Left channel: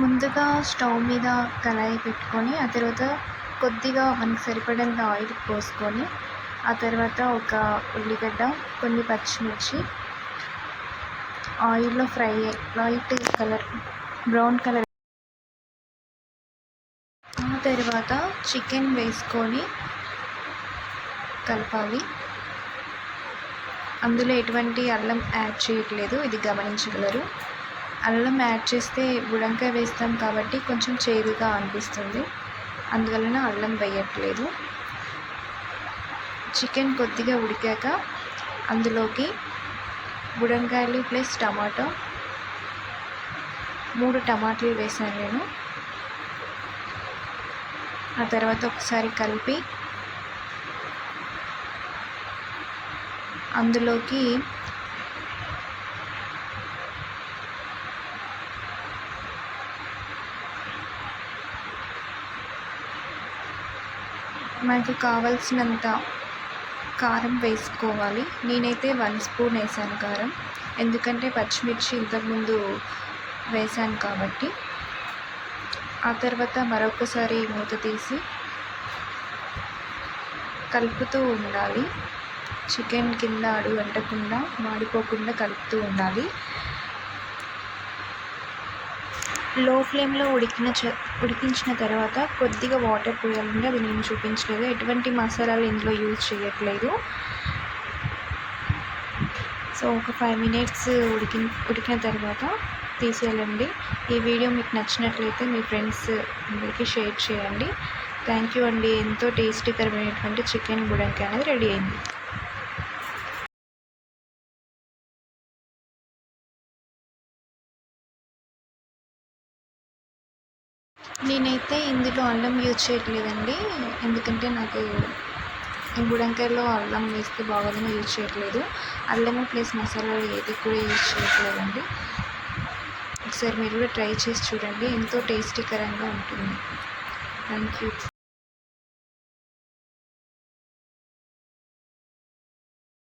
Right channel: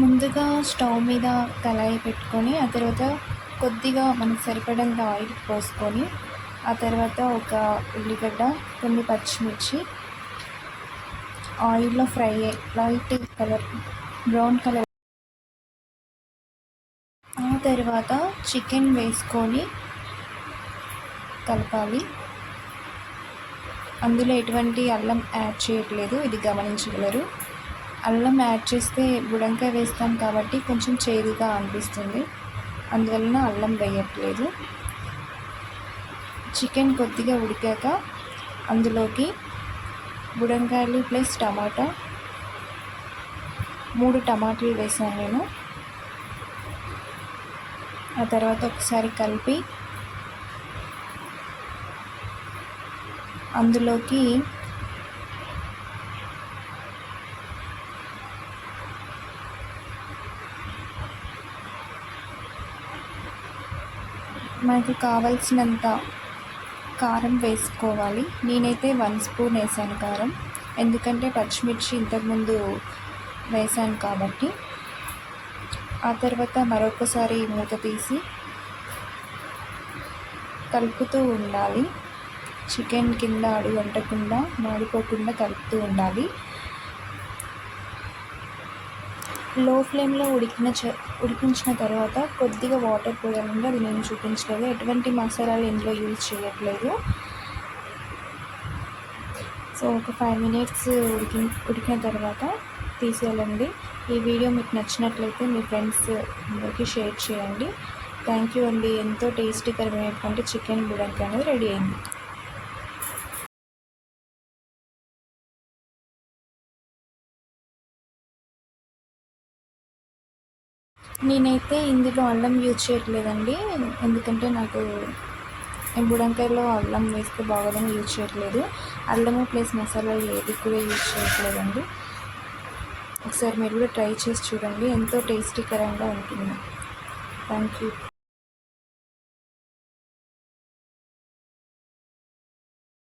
ముందుగా స్టవ్ మీద కళాయి పెట్టుకొని ఆ తర్వాత కొద్దిగా మనకు సరిపడంత ఆయిల్ పోసుకొని ఆ తర్వాత ఒక ఉల్లిగడ్డ, కొన్ని పచ్చిమిర్చి ఆయిల్లో fry light colour brown colour ఆ తర్వాత చికెన్ వేసుకొని కలపాలి. అందులో ఎటువంటి అల్లం యాడ్ చేయట్లేదు, ఇది గమనించగలరు. అల్లం యాడ్ చేస్తే బుడంకాయ వేస్తాం కాబట్టి కొంచెం చేదుగా అనిపిస్తుంది, అందువలన అల్లం వేయట్లేదు. చికెన్ కొద్దిగా ఉడికాక అందులోకి బుడంకాయలు ప్లస్ టమాటా 3 టమాటాలు వేసాను నేను. ఆ తర్వాత ఒకసారి కలిపి అందులోకి మనకి కావలసినంత కారం వేసుకోవాలి. నేనైతే 1 స్పూన్ వేసాను కారం, ఎందుకంటే పచ్చిమిర్చి ఇంతకుముందు వేసాను కాబట్టి. ఆ తర్వాత మరొకసారి మూత తీసి కలుపుతూ ఉండాలి. చికెన్ కింద అడుగు అంటకుండా మాడిపోకుండా కలుపుతూ ఉండాలి. లో ఫ్లేమ్లో ఉడికించిన తర్వాత కొద్దిగా వాటర్ పోయాలండి, అది నేను చూపించలేదు. ఎటువంటి మసాలాలు ఇందులో యూజ్ చేయట్లేదు. సో ఒక 5 మినిట్స్ ఉడికిన తర్వాత తీసేయాలండి. ఈ వీడియో మీకు నచ్చినట్లయితే మీ ఫ్రెండ్స్ అందరికీ షేర్ చేయండి. థ్యాంక్ యూ అండి. ఎంతో టేస్టీకరమైనటువంటి చికెన్ బుడంకాయ అనేది రెడీ అయింది. నేనైతే ఇందులో అల్లం యూజ్ చేయట్లేదండి, ఎందుకంటే నాకు బుడంకాయలో అల్లం వేస్తే బాగోదని యూజ్ చేయట్లేదు. అల్లము ప్లస్ మసాలాలు ఏది కూడా యూజ్ చేయట్లేదండి. ఒకసారి మీరు కూడా ట్రై చేసి చూడండి, ఎంతో టేస్టీకరంగా ఉంటుంది. Thank you.